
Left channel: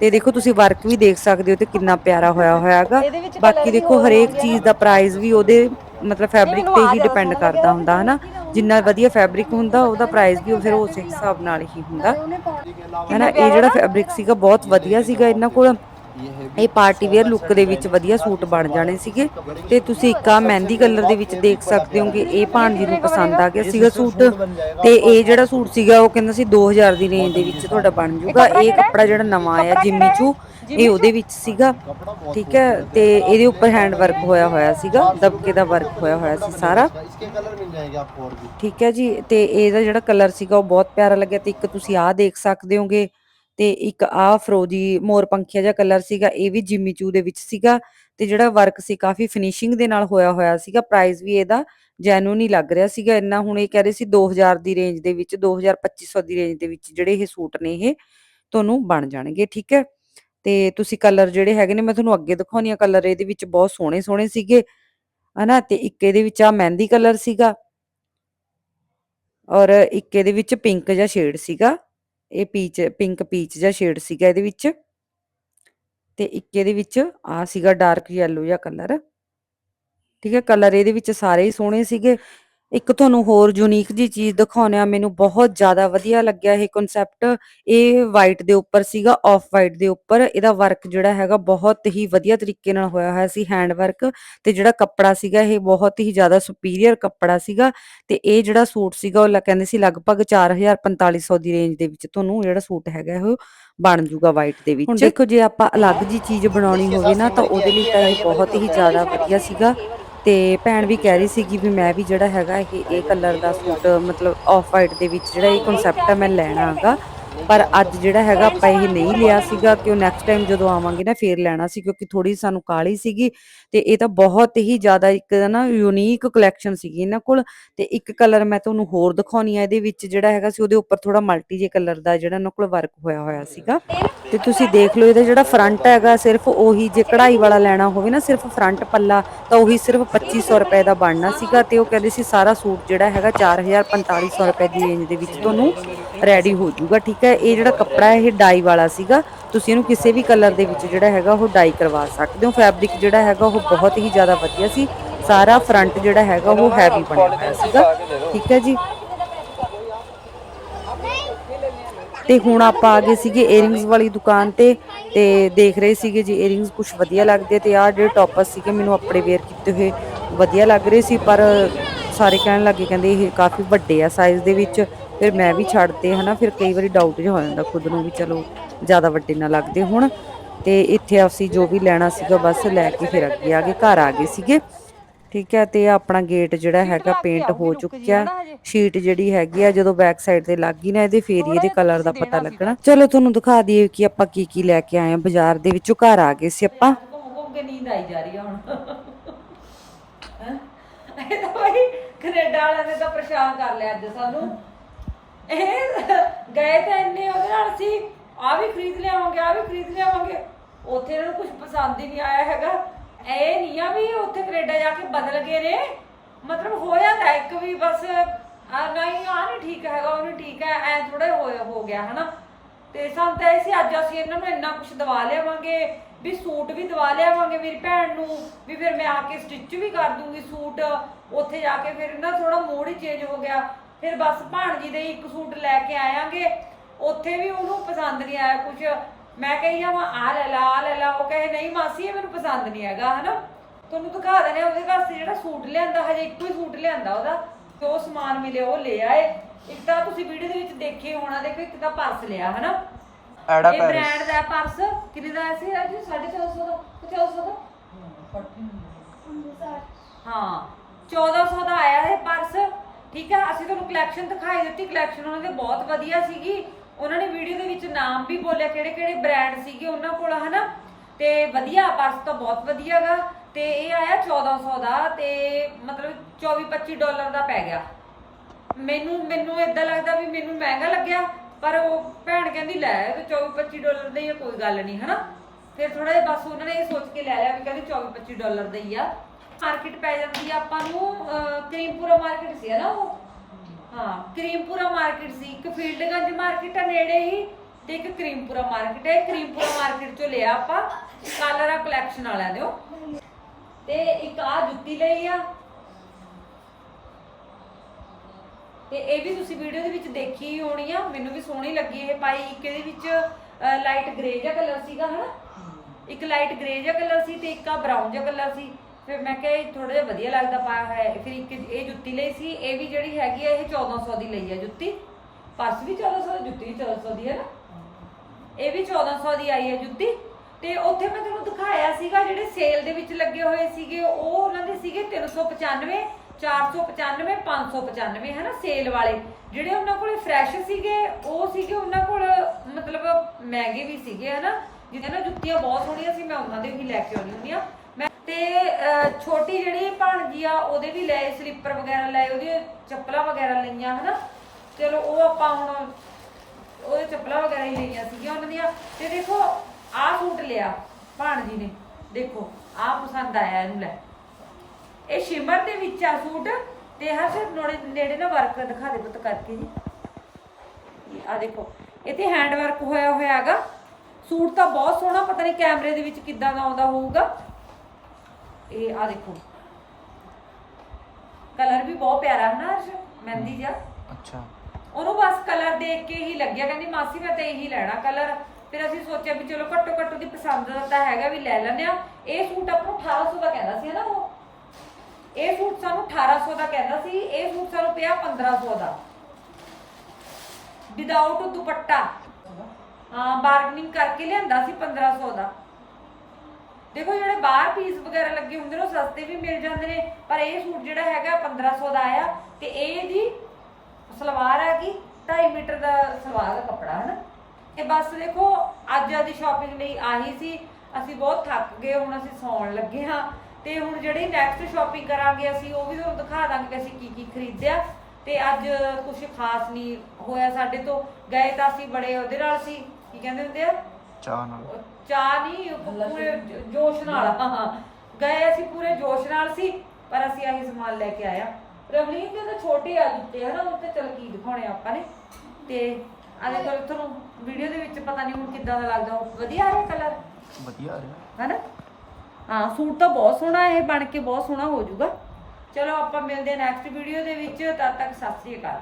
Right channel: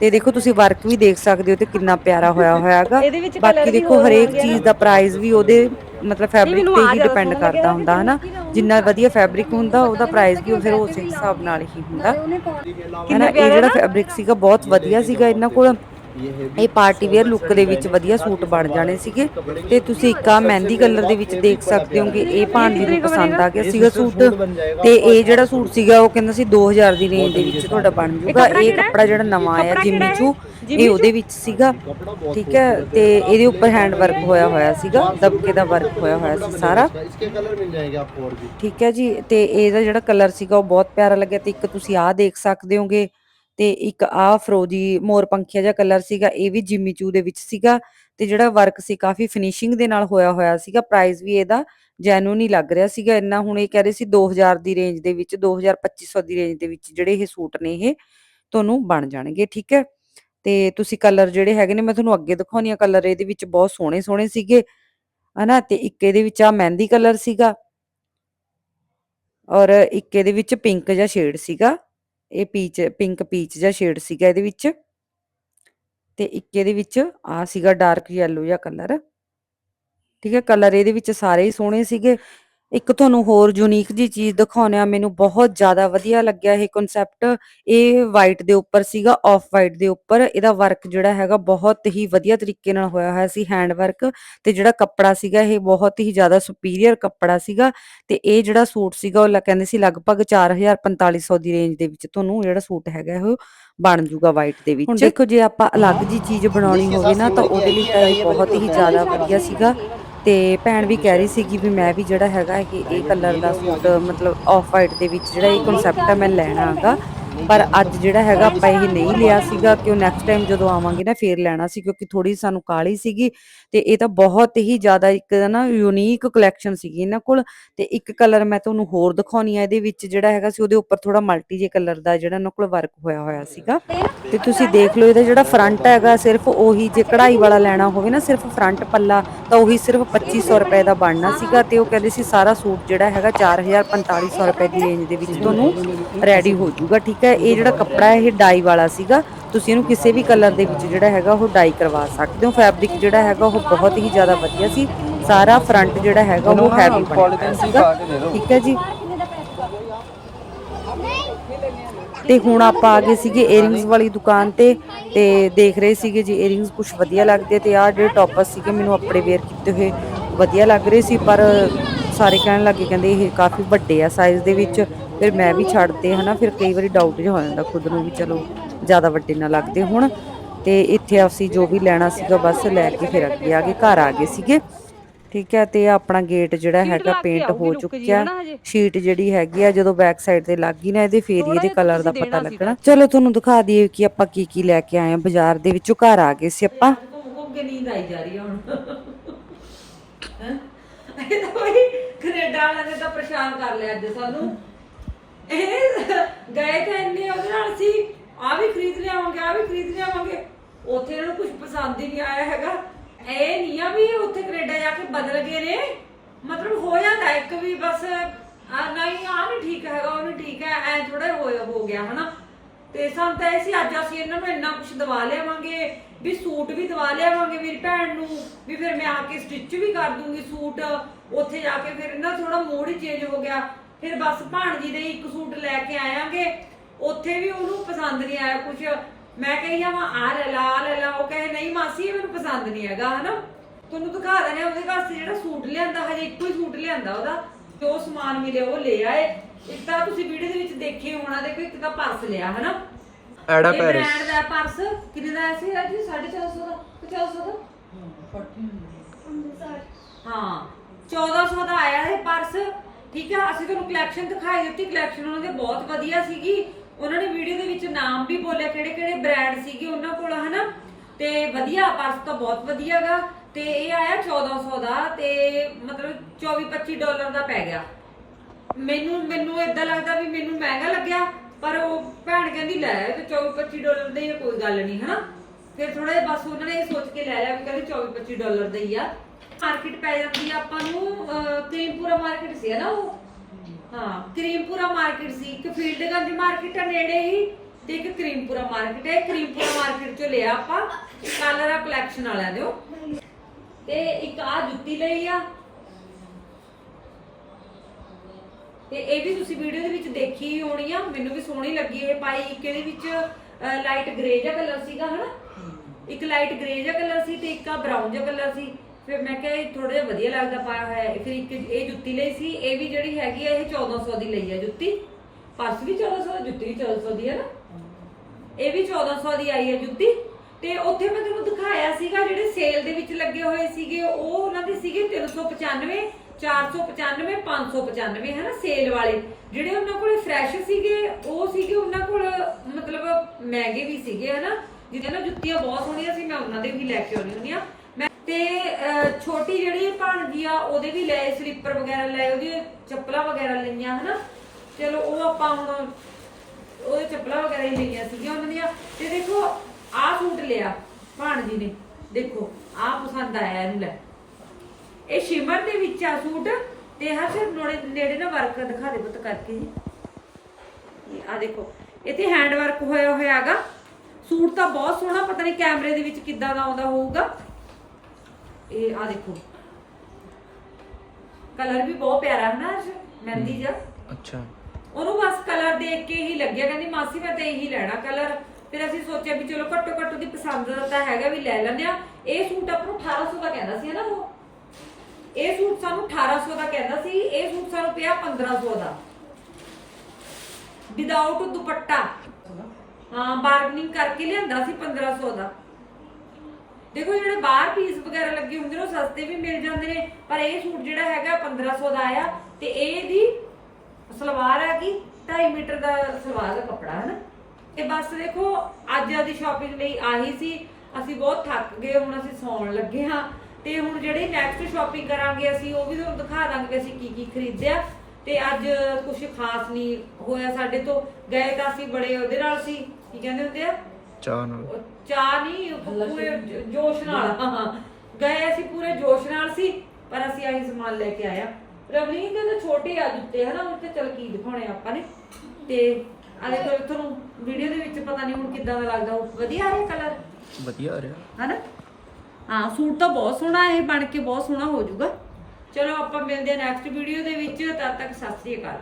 ਤੇ ਦੇਖੋ ਤੁਸੀਂ ਵਰਕ ਵੀ ਦੇਖ ਸਕਦੇ ਹੋ ਤੇ ਕਿੰਨਾ ਪਿਆਰਾ ਹੋਇਆ ਹੋਇਆ ਹੈਗਾ। ਬਾਕੀ ਦੇਖੋ ਹਰੇਕ ਚੀਜ਼ ਦਾ ਪ੍ਰਾਈਸ ਵੀ ਉਹਦੇ ਮਤਲਬ ਫੈਬਰਿਕ ਤੇ ਹੀ ਡਿਪੈਂਡ ਕਰਦਾ ਹੁੰਦਾ ਹਨਾ? ਜਿੰਨਾ ਵਧੀਆ ਫੈਬਰਿਕ ਹੁੰਦਾ ਉਹਦਾ ਪ੍ਰਾਈਸ ਵੀ ਫਿਰ ਉਸ ਹਿਸਾਬ ਨਾਲ ਹੀ ਹੁੰਦਾ। ਹਨਾ? ਇਹ ਜਿਹੜਾ ਫੈਬਰਿਕ ਸੀਗਾ ਬਹੁਤ ਵਧੀਆ ਸੀਗਾ ਇਹਨਾਂ ਕੋਲ। ਇਹ ਪਾਰਟੀ ਵੇਅਰ ਲੁੱਕ ਦੇ ਵਿੱਚ ਵਧੀਆ ਸੂਟ ਬਣ ਜਾਣੇ ਸੀਗੇ। ਤੇ ਤੁਸੀਂ ਇੱਕ ਆ ਮਹਿੰਦੀ ਕਲਰ ਦੇ ਵਿੱਚ ਦੇਖ ਸਕਦੇ ਹੋ ਕਿ ਇਹ ਭਾਂਡੀ ਨੂੰ ਪਸੰਦ ਆ ਗਿਆ ਸੀਗਾ ਸੂਟ। ਤੇ ਇਹ ਜਿਹੜਾ ਸੂਟ ਸੀਗਾ, ਉਹ ਕਹਿੰਦਾ ਸੀ 2000 ਦੀ ਰੇਂਜ ਦੇ ਵਿੱਚ ਤੁਹਾਡਾ ਬਣ ਜਾਊਗਾ। ਇਹ ਕੱਪੜਾ ਜਿਹੜਾ ਨਵਾਂ ਆਇਆ, ਜਿੰਮੀ ਚੂ, ਇਹ ਉਹਦੇ ਵਿੱਚ ਸੀਗਾ। ਠੀਕ ਹੈ, ਤੇ ਇਹਦੇ ਉੱਪਰ ਹੈਂਡ ਵਰਕ ਹੋਇਆ ਹੋਇਆ ਸੀਗਾ, ਦਬਕੇ ਦਾ ਵਰਕ ਹੋਇਆ ਹੋਇਆ ਸੀ ਸਾਰਾ। ਠੀਕ ਹੈ ਜੀ, ਤੇ ਇਹਦਾ ਜਿਹੜਾ ਕਲਰ ਸੀਗਾ, ਉਹ ਬਹੁਤ ਪਿਆਰਾ ਲੱਗਿਆ। ਤੇ ਇੱਕ ਤੁਸੀਂ ਆਹ ਦੇਖ ਸਕਦੇ ਹੋਗੇ ਤੇ ਇੱਕ ਆਹ ਫਰੋਜੀ ਮੋਰ ਪੰਖੀਆ ਜਿਹਾ ਕਲਰ ਸੀਗਾ, ਇਹ ਵੀ ਜਿਮੀ ਚੂ ਦੇ ਵਿੱਚ ਸੀਗਾ ਤੇ ਜਿਹੜਾ ਵਰਕ ਸੀ ਕਾਫੀ ਫਿਨਿਸ਼ਿੰਗ ਦੇ ਨਾਲ ਹੋਇਆ ਹੋਇਆ ਸੀਗਾ ਪ੍ਰਾਈਸ ਵੀ ਇਹਦਾ ਜੈਨੂਨ ਹੀ ਲੱਗ ਰਿਹਾ ਸੀਗਾ, ਇੰਨਾ ਹੁਣ ਇਹ ਕਹਿ ਰਹੇ ਸੀ 2000 ਦੀ ਰੇਂਜ ਦੇ ਵਿੱਚ 2250 ਦੀ ਰੇਂਜ ਦੇ ਵਿੱਚ ਜਿਹੜੇ ਇਹ ਸੂਟ ਨੇ ਇਹ ਤੁਹਾਨੂੰ ਬਣ ਜਾਣਗੇ, ਠੀਕ ਹੈ? ਤੇ ਤੁਸੀਂ ਕਲਰ ਜਿਹੜੇ ਹੈਗੇ ਨੇ, ਮੈਂ ਤੁਹਾਨੂੰ ਅੱਗੇ ਦਿਖਾਉਣੀ ਆ ਕਲਰ ਇਹਦੇ ਵਿੱਚ ਬਹੁਤ ਸੋਹਣੇ ਸੋਹਣੇ ਸੀਗੇ, ਹਨਾ, ਤੇ ਇੱਕ ਇਹਦੇ ਵਿੱਚ ਆ ਮਹਿੰਦੀ ਕਲਰ ਸੀਗਾ ਔਰ ਇੱਕ ਇਹਦੇ ਵਿੱਚ ਪਿੰਕ ਜਿਹਾ ਸ਼ੇਡ ਸੀਗਾ। ਇਹ ਪੀਚ ਪਿੰਕ ਪੀਚ ਜਿਹਾ ਸ਼ੇਡ ਸੀਗਾ ਇਹਦੇ ਵਿੱਚ। ਤੇ ਇੱਕ ਇਹਦੇ ਵਿੱਚ ਆ ਸੀਗਾ ਡਾਰਕ ਯੈਲੋ ਜਿਹਾ ਕਲਰ ਠੀਕ ਹੈ ਕਲਰ ਇਹਦੇ ਵਿੱਚ ਸਾਰੇ ਹੀ ਸੋਹਣੇ ਸੀਗੇ। ਇੱਕ ਤੁਹਾਨੂੰ ਹੋਰ ਯੂਨੀਕ ਜੀ ਚੀਜ਼ ਦਿਖਾਉਣੇ ਆ ਮੈਨੂੰ ਬਹੁਤ ਜ਼ਿਆਦਾ ਵਧੀਆ ਲੱਗਿਆ ਇਹ ਕਨਸੈਪਟ ਇਹ ਵਾਈਟ ਦੇ ਉੱਪਰ ਸੀਗਾ ਆਫ ਵਾਈਟ ਦੇ ਉੱਪਰ। ਇਹਦਾ ਵਰਕ ਜਿਹੜਾ ਹੈਗਾ ਬਹੁਤ ਹੀ ਵਧੀਆ ਤਰੀਕੇ ਨਾਲ ਹੋਇਆ ਹੋਇਆ ਸੀ ਹੈਂਡ ਵਰਕ ਤੇ ਜਿਹੜਾ ਕੱਪੜਾ ਸੀਗਾ ਇਹ ਬਹੁਤ ਹੀ ਜ਼ਿਆਦਾ ਸੁਪੀਰੀਅਰ ਕੱਪੜਾ ਸੀਗਾ। ਤੇ ਇਹ ਜਿਹੜਾ ਸੂਟ ਸੀਗਾ ਉਹ ਕਹਿੰਦੇ ਸੀ ਲਗਭਗ 4000 4500 ਦੀ ਰੇਂਜ ਦੇ ਵਿੱਚ ਤੁਹਾਨੂੰ ਜਿਹੜਾ ਸੂਟ ਹੈਗਾ ਉਹ ਬਣ ਜੂਗਾ ਵਾਈਟ ਦੇ ਵਿੱਚ। ਹੁਣ ਦੇਖੋ ਜੇ ਆਪਾਂ ਅਲੱਗ ਜੀ ਚੀਜ਼ ਬਣਾਉਣੀ ਹੋਵੇ ਨਾ ਤਾਂ ਉਹਦੇ ਲਈ ਤਾਂ ਇਹ ਬਹੁਤ ਹੀ ਜ਼ਿਆਦਾ ਵਧੀਆ ਸੀਗਾ। ਤੇ ਭੈਣ ਵੀ ਕਹਿ ਰਹੀ ਸੀਗੀ ਵੀ ਮੈਂ ਵੀ ਜਿਹੜਾ ਹੈਗਾ ਇਹ ਇਹ ਕਲਰ ਦਾ ਸੂਟ ਮਤਲਬ ਆਫ ਵਾਈਟ ਦੇ ਵਿੱਚ ਜਿਹੜਾ ਇਹ ਕਨਸੈਪਟ ਆ ਮੈਂ ਲੈਣਾ ਹੈਗਾ। ਪਰ ਅੱਜ ਜਿਹੜਾ ਹੈਗਾ ਆਪਾਂ ਇਹ ਨਹੀਂ ਲਿਆ ਸੀਗਾ ਕਿ ਉਹ ਨੈਕਸਟ ਟਾਈਮ ਜਦੋਂ ਆਵਾਂਗੇ ਨਾ ਫੇਰ ਲੈਣਾ ਸੀ ਕਿਉਂਕਿ ਥੋੜੀ ਸਾਨੂੰ ਕਾਲੀ ਸੀਗੀ ਤੇ ਇਹ ਤਾਂ ਬਹੁਤ ਹੀ ਜ਼ਿਆਦਾ ਇੱਕ ਨਾ ਯੂਨੀਕ ਕਲੈਕਸ਼ਨ ਸੀਗੀ ਇਹਨਾਂ ਕੋਲ ਤੇ ਇੱਕ ਕਲਰ ਮੈਂ ਤੁਹਾਨੂੰ ਹੋਰ ਦਿਖਾਉਣੀ ਆ ਇਹਦੇ ਵਿੱਚ ਜਿਹੜਾ ਹੈਗਾ ਸੀ ਉਹਦੇ ਉੱਪਰ ਥੋੜਾ ਮਲਟੀ ਜੇ ਕਲਰ ਦਾ ਜਿਹੜਾ ਇਹਨਾਂ ਕੋਲ ਵਰਕ ਹੋਇਆ ਹੋਇਆ ਸੀਗਾ। ਤੇ ਤੁਸੀਂ ਦੇਖ ਲਓ ਇਹਦਾ ਜਿਹੜਾ ਫਰੰਟ ਹੈਗਾ ਸਿਰਫ ਉਹੀ ਜੇ ਕਢਾਈ ਵਾਲਾ ਲੈਣਾ ਹੋਵੇ ਨਾ ਸਿਰਫ ਫਰੰਟ ਪੱਲਾ ਤਾਂ ਉਹੀ ਸਿਰਫ 2500 ਰੁਪਏ ਦਾ ਬਣਨਾ ਸੀਗਾ ਤੇ ਉਹ ਕਹਿੰਦੇ ਸੀ ਸਾਰਾ ਸੂਟ ਜਿਹੜਾ ਹੈਗਾ 4000 4500 ਰੁਪਏ ਦੀ ਰੇਂਜ ਦੇ ਵਿੱਚ ਤੁਹਾਨੂੰ ਰੈਡੀ ਹੋ ਜਾਊਗਾ ਠੀਕ ਹੈ? ਇਹ ਜਿਹੜਾ ਕੱਪੜਾ ਇਹ ਡਾਈ ਵਾਲਾ ਸੀਗਾ। ਤੁਸੀਂ ਇਹਨੂੰ ਕਿਸੇ ਵੀ ਕਲਰ ਦੇ ਵਿੱਚ ਜਿਹੜਾ ਹੈਗਾ, ਉਹ ਡਾਈ ਕਰਵਾ ਸਕਦੇ ਹੋ। ਫੈਬਰਿਕ ਜਿਹੜਾ ਹੈਗਾ, ਉਹ ਬਹੁਤ ਹੀ ਜ਼ਿਆਦਾ ਵਧੀਆ ਸੀ। ਸਾਰਾ ਫਰੰਟ ਜਿਹੜਾ ਹੈਗਾ, ਉਹ ਹੈਵੀ ਬਣਿਆ ਹੋਇਆ ਸੀਗਾ। ਠੀਕ ਹੈ ਜੀ? ਤੇ ਹੁਣ ਆਪਾਂ ਆ ਗਏ ਸੀਗੇ ਏਅਰਿੰਗਸ ਵਾਲੀ ਦੁਕਾਨ ਤੇ ਤੇ ਦੇਖ ਰਹੇ ਸੀਗੇ ਜੀ ਏਅਰਿੰਗਸ ਕੁਝ ਵਧੀਆ ਲੱਗਦੇ ਤੇ ਆਹ ਜਿਹੜੇ ਟੌਪਸ ਸੀਗੇ, ਮੈਨੂੰ ਆਪਣੇ ਵੇਅਰ ਕੀਤੇ ਹੋਏ ਵਧੀਆ ਲੱਗ ਰਹੇ ਸੀ, ਪਰ ਸਾਰੇ ਕਹਿਣ ਲੱਗੇ, ਕਹਿੰਦੇ ਇਹ ਕਾਫੀ ਵੱਡੇ ਆ ਸਾਈਜ਼ ਦੇ ਵਿੱਚ। ਫਿਰ ਮੈਂ ਵੀ ਛੱਡਦੇ ਹਨਾ ਫਿਰ ਕਈ ਵਾਰੀ ਡਾਊਟ ਜਿਹਾ ਹੋ ਜਾਂਦਾ ਖੁਦ ਨੂੰ ਵੀ ਚਲੋ ਜ਼ਿਆਦਾ ਵੱਡੇ ਨਾ ਲੱਗਦੇ ਹੁਣ। ਤੇ ਇੱਥੇ ਅਸੀਂ ਜੋ ਵੀ ਲੈਣਾ ਸੀਗਾ ਬਸ ਲੈ ਕੇ ਫਿਰ ਅੱਗੇ ਆ ਗਏ ਘਰ ਆ ਗਏ ਸੀਗੇ। ਠੀਕ ਹੈ ਤੇ ਆਪਣਾ ਗੇਟ ਜਿਹੜਾ ਹੈਗਾ ਪੇਂਟ ਹੋ ਚੁੱਕਿਆ। ਸ਼ੀਟ ਜਿਹੜੀ ਹੈਗੀ ਆ ਜਦੋਂ ਬੈਕ ਸਾਈਡ ਤੇ ਲੱਗ ਗਈ ਨਾ ਇਹਦੇ ਫੇਰ ਹੀ ਇਹਦੇ ਕਲਰ ਦਾ ਪਤਾ ਲੱਗਣਾ। ਚਲੋ ਤੁਹਾਨੂੰ ਦਿਖਾ ਦਈਏ ਕਿ ਆਪਾਂ ਕੀ ਕੀ ਲੈ ਕੇ ਆਏ ਆ ਬਾਜ਼ਾਰ ਦੇ ਵਿੱਚੋਂ। ਘਰ ਆ ਗਏ ਸੀ ਆਪਾਂ। ਨੀਂਦ ਆਈ ਜਾ ਰਹੀ ਹੈ ਹੁਣ। ਹੈਂ? ਇਹ ਤਾਂ ਭਾਈ ਕੈਨੇਡਾ ਵਾਲਿਆਂ ਨੇ ਤਾਂ ਪਰੇਸ਼ਾਨ ਕਰ ਲਿਆ ਅੱਜ ਸਾਨੂੰ। ਇਹ ਗਏ ਤਾਂ ਇੰਨੇ ਉਹਦੇ ਨਾਲ ਸੀ। ਆ ਵੀ ਖਰੀਦ ਲਿਆਵਾਂਗੇ ਆ ਵੀ ਖਰੀਦ ਲਿਆਵਾਂਗੇ। ਉੱਥੇ ਇਹਨਾਂ ਨੂੰ ਕੁਝ ਪਸੰਦ ਹੀ ਨਹੀਂ ਆਇਆ ਹੈਗਾ। ਇਹ ਨਹੀਂ ਆ ਵੀ ਉੱਥੇ ਕੈਨੇਡਾ ਜਾ ਕੇ ਬਦਲ ਗਏ ਨੇ। ਮਤਲਬ ਹੋ ਜਾਂਦਾ ਇੱਕ ਵੀ, ਬਸ ਆ ਨਹੀਂ ਆ ਨਹੀਂ ਠੀਕ ਹੈਗਾ, ਉਹ ਨਹੀਂ ਠੀਕ ਹੈ, ਐ ਥੋੜਾ ਹੋਇਆ ਹੋ ਗਿਆ, ਹਨਾ। ਤੇ ਸਾਨੂੰ ਤਾਂ ਇਹ ਸੀ, ਅੱਜ ਅਸੀਂ ਇਹਨਾਂ ਨੂੰ ਇੰਨਾ ਕੁਝ ਦਵਾ ਲਿਆਵਾਂਗੇ, ਵੀ ਸੂਟ ਵੀ ਦਵਾ ਲਿਆਵਾਂਗੇ ਮੇਰੀ ਭੈਣ ਨੂੰ, ਵੀ ਫਿਰ ਮੈਂ ਆ ਕੇ ਸਟਿਚ ਵੀ ਕਰ ਦੂੰਗੀ ਸੂਟ। ਉੱਥੇ ਜਾ ਕੇ ਫਿਰ ਨਾ ਥੋੜਾ ਮੂਡ ਹੀ ਚੇਂਜ ਹੋ ਗਿਆ। ਫਿਰ ਬਸ ਭਾਣਜੀ ਦੇ ਇੱਕ ਸੂਟ ਲੈ ਕੇ ਆਵਾਂਗੇ ਉੱਥੇ ਵੀ ਉਹਨੂੰ ਪਸੰਦ ਨਹੀਂ ਆਇਆ ਕੁਝ ਮੈਂ ਕਹੀ ਜਾਵਾਂ ਆ ਲੈ ਲਾ ਆ ਲੈ ਲਾ। ਉਹ ਕਹੇ ਨਹੀਂ ਮਾਸੀ ਇਹ ਮੈਨੂੰ ਪਸੰਦ ਨਹੀਂ ਹੈਗਾ। ਹਨਾ? ਤੁਹਾਨੂੰ ਦਿਖਾ ਦਨੇ ਉਹਦੇ ਵਾਸਤੇ ਜਿਹੜਾ ਸੂਟ ਲਿਆਂਦਾ ਹਜੇ ਇੱਕੋ ਹੀ ਸੂਟ ਲਿਆਂਦਾ ਉਹਦਾ। ਜੋ ਸਮਾਨ ਮਿਲਿਆ ਉਹ ਲੈ ਆਏ। ਇੱਕ ਤਾਂ ਤੁਸੀਂ ਵੀਡੀਓ ਦੇ ਵਿੱਚ ਦੇਖੇ ਹੋਣਾ ਦੇਖੋ ਇੱਕ ਤਾਂ ਪਰਸ ਲਿਆ ਹਨਾ? ਐਡਾ ਇਹ ਪੈਰਿਸ। ਬ੍ਰਾਂਡ ਦਾ ਪਰਸ। ਕਿੰਨੇ ਦਾ ਆਇਆ ਸੀ? ਰਾਜੂ 450 ਦਾ 450 ਦਾ? ਹਾਂ 1400 ਦਾ ਆਇਆ ਇਹ ਪਰਸ। ਠੀਕ ਆ ਅਸੀਂ ਤੁਹਾਨੂੰ ਕਲੈਕਸ਼ਨ ਦਿਖਾਈ ਦਿੱਤੀ ਕਲੈਕਸ਼ਨ ਉਹਨਾਂ ਦੇ ਬਹੁਤ ਵਧੀਆ ਸੀਗੀ। ਉਹਨਾਂ ਨੇ ਵੀਡੀਓ ਦੇ ਵਿੱਚ ਨਾਮ ਵੀ ਬੋਲਿਆ ਕਿਹੜੇ ਕਿਹੜੇ ਬ੍ਰਾਂਡ ਸੀਗੇ ਉਹਨਾਂ ਕੋਲ ਹਨਾ? ਤੇ ਵਧੀਆ ਪਰਸ ਤਾਂ ਬਹੁਤ ਵਧੀਆਗਾ। ਤੇ ਇਹ ਆਇਆ 1400 ਦਾ ਤੇ ਮਤਲਬ 24 25 ਡਾਲਰ ਦਾ ਪੈ ਗਿਆ। ਮੈਨੂੰ ਮੈਨੂੰ ਇਦਾਂ ਲੱਗਦਾ ਵੀ ਮੈਨੂੰ ਮਹਿੰਗਾ ਲੱਗਿਆ ਪਰ ਉਹ ਭੈਣ ਕਹਿੰਦੀ ਲੈ ਤੇ 24 25 ਡਾਲਰ ਦਾ ਹੀ ਆ, ਕੋਈ ਗੱਲ ਨਹੀਂ ਹਨਾ? ਫਿਰ ਥੋੜਾ ਜਿਹਾ ਬਸ ਉਹਨਾਂ ਨੇ ਇਹ ਸੋਚ ਕੇ ਲੈ ਲਿਆ ਵੀ ਕਹਿੰਦੇ 24 25 ਡਾਲਰ ਦਾ ਹੀ ਆ। ਮਾਰਕੀਟ ਪੈ ਜਾਂਦੀ ਆ ਆਪਾਂ ਨੂੰ ਕਰੀਮਪੁਰਾ ਮਾਰਕੀਟ ਸੀ ਨਾ ਉਹ? ਹਾਂ ਕਰੀਮਪੁਰਾ ਮਾਰਕੀਟ ਸੀ ਇੱਕ ਫੀਲਡਗੰਜ ਮਾਰਕੀਟ ਆ ਨੇੜੇ ਹੀ ਤੇ ਇੱਕ ਕਰੀਮਪੁਰਾ ਮਾਰਕੀਟ ਹੈ ਕਰੀਮਪੁਰਾ ਮਾਰਕੀਟ ਚੋਂ ਲਿਆ ਆਪਾਂ ਕਲਰ ਆ ਕਲੈਕਸ਼ਨ ਵਾਲਿਆਂ ਦੇ ਉਹ। ਤੇ ਇੱਕ ਆ ਜੁੱਤੀ ਲਈ ਆ। ਤੇ ਇਹ ਵੀ ਤੁਸੀਂ ਵੀਡੀਓ ਦੇ ਵਿੱਚ ਦੇਖੀ ਹੀ ਹੋਣੀ ਆ ਮੈਨੂੰ ਵੀ ਸੋਹਣੀ ਲੱਗੀ ਇਹ ਪਾਈ ਇੱਕ ਇਹਦੇ ਵਿੱਚ ਲਾਈਟ ਗ੍ਰੇ ਜਿਹਾ ਕਲਰ ਸੀਗਾ ਹਨਾ? ਇੱਕ ਲਾਈਟ ਗ੍ਰੇ ਜਿਹਾ ਕਲਰ ਸੀ ਤੇ ਇੱਕ ਆ ਬਰਾਊਨ ਜਿਹਾ ਕਲਰ ਸੀ। ਫਿਰ ਮੈਂ ਕਿਹਾ ਇਹ ਥੋੜਾ ਜਿਹਾ ਵਧੀਆ ਲੱਗਦਾ ਪਾਇਆ ਹੋਇਆ ਹੈ। ਫਿਰ ਇੱਕ ਇਹ ਜੁੱਤੀ ਲਈ ਸੀ, ਇਹ ਵੀ ਜਿਹੜੀ ਹੈਗੀ ਆ, ਇਹ 1400 ਦੀ ਲਈ ਆ ਜੁੱਤੀ। ਪਰਸ ਵੀ 1400 ਦੀ ਜੁੱਤੀ ਵੀ 1400 ਦੀ ਹੈ ਨਾ। ਇਹ ਵੀ 1400 ਦੀ ਆਈ ਹੈ ਜੁੱਤੀ। ਤੇ ਉੱਥੇ ਮੈਂ ਤੁਹਾਨੂੰ ਦਿਖਾਇਆ ਸੀਗਾ, ਜਿਹੜੇ ਸੇਲ ਦੇ ਵਿੱਚ ਲੱਗੇ ਹੋਏ ਸੀਗੇ, ਉਹ ਉਹਨਾਂ ਦੇ ਸੀਗੇ 395 495 595 ਹੈ ਨਾ ਸੇਲ ਵਾਲੇ। ਜਿਹੜੇ ਉਹਨਾਂ ਕੋਲੇ ਫਰੈਸ਼ ਸੀਗੇ, ਉਹ ਸੀਗੇ ਉਹਨਾਂ ਕੋਲ, ਮਤਲਬ ਮਹਿੰਗੇ ਵੀ ਸੀਗੇ ਹੈ ਨਾ ਜਿਹਦੇ ਨਾਲ ਜੁੱਤੀਆਂ ਬਹੁਤ ਸੋਹਣੀਆਂ ਸੀ, ਮੈਂ ਉਹਨਾਂ ਦੇ ਵੀ ਲੈ ਕੇ ਆਉਣੀ ਹੁੰਦੀ ਆ। ਮੈਂ ਤੇ ਛੋਟੀ ਜਿਹੜੀ ਭਾਣਜੀ ਆ, ਉਹਦੇ ਵੀ ਲਏ ਸਲੀਪਰ ਵਗੈਰਾ, ਲਏ ਉਹਦੀ ਚੱਪਲਾਂ ਵਗੈਰਾ ਲਈਆਂ, ਹਨਾ? ਚਲੋ, ਉਹ ਆਪਾਂ ਹੁਣ ਉਹਦੇ ਚੱਪਲਾਂ ਵਗੈਰਾ ਹੀ ਲਈਆਂ ਸੀਗੀਆਂ ਉਹਨਾਂ ਦੀਆਂ। ਤੇ ਦੇਖੋ, ਆਹ ਸੂਟ ਲਿਆ ਭਾਣਜੀ ਨੇ। ਦੇਖੋ, ਆਹ ਪਸੰਦ ਆਇਆ ਇਹਨੂੰ ਲੈ। ਇਹ ਸ਼ਿਮਰ ਦੇ ਵਿੱਚ ਆ ਸੂਟ। ਤੇ ਹਰ ਸਿਰ ਨੋੜੇ, ਨੇੜੇ ਨਾ ਵਰਕ ਦਿਖਾ ਦੇ ਪੁੱਤ ਕਰਕੇ ਜੀ। ਆ ਦੇਖੋ, ਇੱਥੇ ਹੈਂਡ ਵਰਕ ਹੋਇਆ ਹੋਇਆ ਹੈਗਾ। ਸੂਟ ਤਾਂ ਬਹੁਤ ਸੋਹਣਾ, ਪਤਾ ਨਹੀਂ ਕੈਮਰੇ ਦੇ ਵਿੱਚ ਕਿੱਦਾਂ ਦਾ ਆਉਂਦਾ ਹੋਊਗਾ। ਇਹ ਆ ਦੇਖੋ। ਕਲਰ ਵੀ ਬਹੁਤ ਪਿਆਰਾ ਹੈ ਨਾ ਅਰਸ਼? ਮਹਿੰਦੀ ਜਿਹਾ। ਅੱਛਾ। ਉਹਨੂੰ ਬਸ ਕਲਰ ਦੇਖ ਕੇ ਹੀ ਲੱਗਿਆ ਕਹਿੰਦੀ ਮਾਸੀ ਮੈਂ ਤਾਂ ਇਹੀ ਲੈਣਾ ਕਲਰ। ਫਿਰ ਅਸੀਂ ਸੋਚਿਆ ਵੀ ਚਲੋ ਘੱਟੋ ਘੱਟ ਉਹਦੀ ਪਸੰਦ ਦਾ ਤਾਂ ਹੈਗਾ ਵੀ ਲੈ ਲੈਂਦੇ ਆ ਇਹ ਸੂਟ ਆਪਾਂ ਨੂੰ 1800 ਦਾ ਕਹਿੰਦਾ ਸੀ ਨਾ ਉਹ। ਇਹ ਸੂਟ ਸਾਨੂੰ 1800 ਦਾ ਕਹਿੰਦਾ ਸੀ ਇਹ ਸੂਟ ਸਾਨੂੰ ਪਿਆ 1500 ਦਾ। ਵਿਦਆਊਟ ਦੁਪੱਟਾ। ਹਾਂ ਬਾਰਗਨਿੰਗ ਕਰਕੇ ਲਿਆਂਦਾ ਸੀ 1500 ਦਾ। ਦੇਖੋ ਜਿਹੜੇ ਬਾਹਰ ਪੀਸ ਵਗੈਰਾ ਲੱਗੇ ਹੁੰਦੇ ਨੇ, ਉਹ ਸਸਤੇ ਵੀ ਮਿਲ ਜਾਂਦੇ ਨੇ, ਪਰ ਇਹ ਸੂਟ ਜਿਹੜਾ ਹੈਗਾ 1500 ਦਾ ਆਇਆ ਤੇ ਇਹ ਇਹਦੀ ਸਲਵਾਰ ਆ ਗਈ 2.5 ਮੀਟਰ ਦਾ ਸਲਵਾਰ ਦਾ ਕੱਪੜਾ ਹੈ ਤੇ ਬਸ ਦੇਖੋ, ਅੱਜ ਦੀ ਸ਼ਾਪਿੰਗ ਲਈ ਆਹੀ ਸੀ, ਅਸੀਂ ਬਹੁਤ ਥੱਕ ਗਏ, ਹੁਣ ਅਸੀਂ ਸੌਣ ਲੱਗੇ ਹਾਂ ਤੇ ਹੁਣ ਜਿਹੜੀ ਨੈਕਸਟ ਸ਼ਾਪਿੰਗ ਕਰਾਂਗੇ ਅਸੀਂ, ਉਹ ਵੀ ਤੁਹਾਨੂੰ ਦਿਖਾ ਦਾਂਗੇ ਕਿ ਅਸੀਂ ਕੀ ਕੀ ਖਰੀਦਿਆ। ਤੇ ਅੱਜ ਕੁਝ ਖਾਸ ਨਹੀਂ ਹੋਇਆ ਸਾਡੇ ਤੋਂ, ਗਏ ਤਾਂ ਅਸੀਂ ਬੜੇ ਉਹਦੇ ਨਾਲ ਸੀ, ਕੀ ਕਹਿੰਦੇ ਹੁੰਦੇ ਆ? ਚਾਹ ਨਾਲ ਚਾਹ ਨਹੀਂ ਪੂਰੇ ਜ- ਜੋਸ਼ ਨਾਲ। ਹਾਂ ਗਏ ਅਸੀਂ ਪੂਰੇ ਜੋਸ਼ ਨਾਲ ਸੀ ਪਰ ਅਸੀਂ ਆਹੀ ਸਮਾਨ ਲੈ ਕੇ ਆਇਆ। ਰਵਲੀਨ ਦੇ ਤਾਂ ਛੋਟੇ ਆ ਜੁੱਤੇ ਹਨਾ ਉਹ ਤੇ ਚਲ ਕੀ ਦਿਖਾਉਣੇ ਆਪਾਂ ਨੇ। ਤੇ ਤਾਂ ਤੁਹਾਨੂੰ ਵੀਡੀਓ ਦੇ ਵਿੱਚ ਪਤਾ ਨਹੀਂ ਹੁਣ ਕਿੱਦਾਂ ਦਾ ਲੱਗਦਾ ਉਹ ਵਧੀਆ ਆ ਰਿਹਾ ਕਲਰ ਵਧੀਆ ਆ ਰਿਹਾ। ਹਨਾ? ਹਾਂ ਸੂਟ ਤਾਂ ਬਹੁਤ ਸੋਹਣਾ ਇਹ ਬਣ ਕੇ ਬਹੁਤ ਸੋਹਣਾ ਹੋ ਜਾਊਗਾ। ਚਲੋ ਆਪਾਂ ਮਿਲਦੇ ਹਾਂ ਨੈਕਸਟ ਵੀਡੀਓ ਦੇ ਵਿੱਚ ਤਦ ਤੱਕ ਸਤਿ ਸ੍ਰੀ ਅਕਾਲ।